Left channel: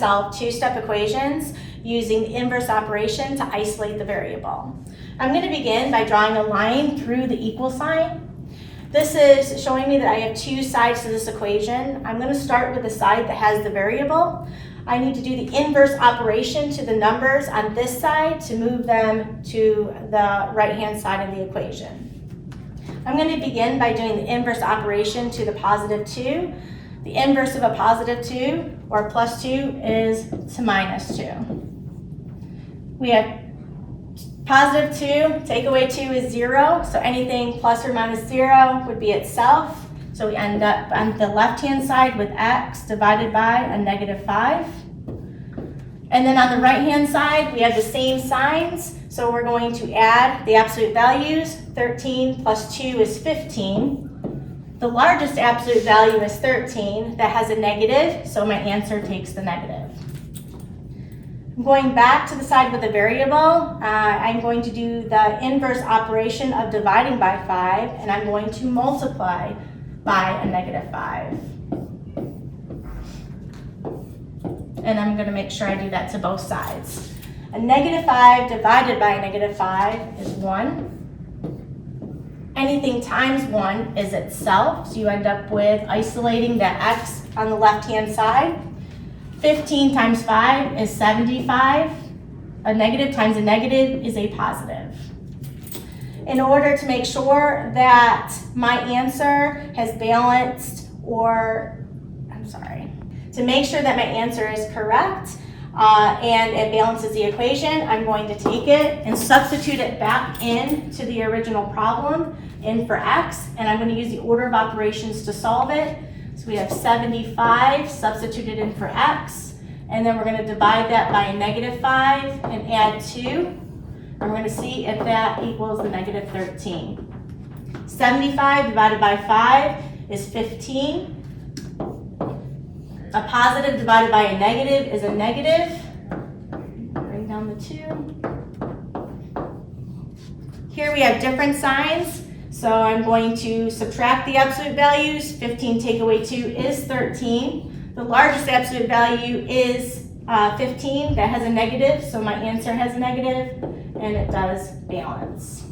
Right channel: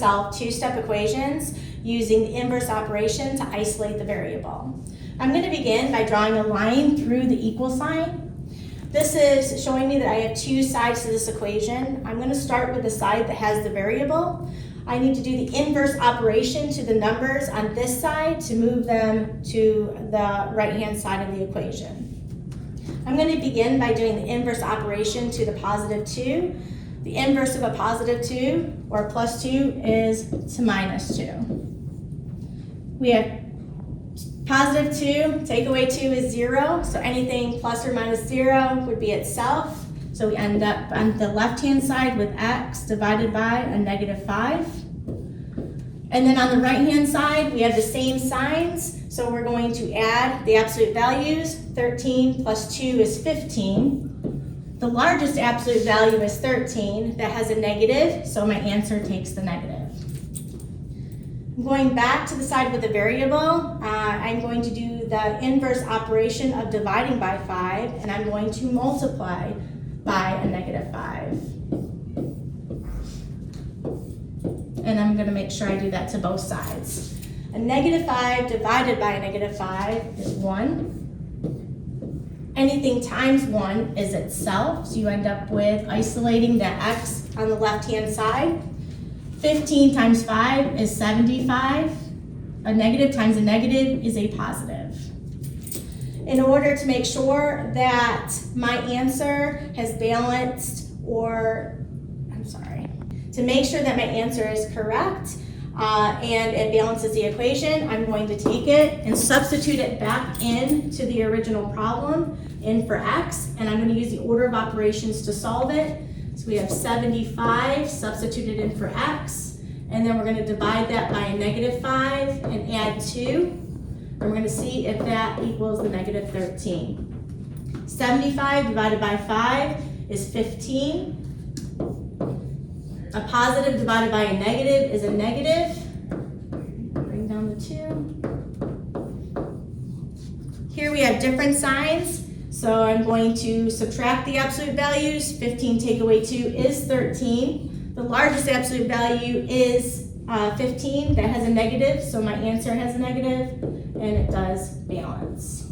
solve two-step equations using the inverse operation to isolate the variable. I'm going to begin by drawing a line through the equal sign. This is showing me that I have two sides to this equation. I'm going to start with the side that has the variable. I need to do the inverse operation to the numbers on this side to move them to the right-hand side of the equation. I'm going to begin by doing the inverse operation to the positive 2. The inverse of a positive 2, or plus 2, is to minus 2. We have positive 2, take away 2 is 0, so anything plus or minus 0 would be itself. So we end up on the left-hand side with x divided by a negative 5. And then on the right-hand side, we have the same signs, so we're going to add the absolute values. 13 plus 2 is 15. The largest absolute value is 13. That has a negative, so my answer takes the negative. I'm going back to the side with the variable. I'm going to do the inverse operation of dividing by 5, and I'm going to multiply by a negative 5. And I'm going to make sure I do that to both sides. A negative 5 divided by a negative 5 is 1. Anything times 1 is itself, so you end up with isolating the x on the left-hand side. 15 times 5 is 75. A negative times a negative is a positive. In order to make sure that my answer has balanced, to make sure that my answer is correct and it balances the equation, I'm going to take it and substitute it back into the original problem in for x, and I'm going to use the order of operations to solve it. So we have 75 substituted in for x, and then we're going to divide that by a negative 5 and add 2. And we're going to see if that equals the negative 13. 75 divided by 5 is 15. A positive divided by a negative is a negative. Bring down the 2. Here we have different signs. So I'm going to subtract the absolute values. 15 take away 2 is 13. The largest absolute value is 15. That has a negative, so my answer has a negative, and it does balance.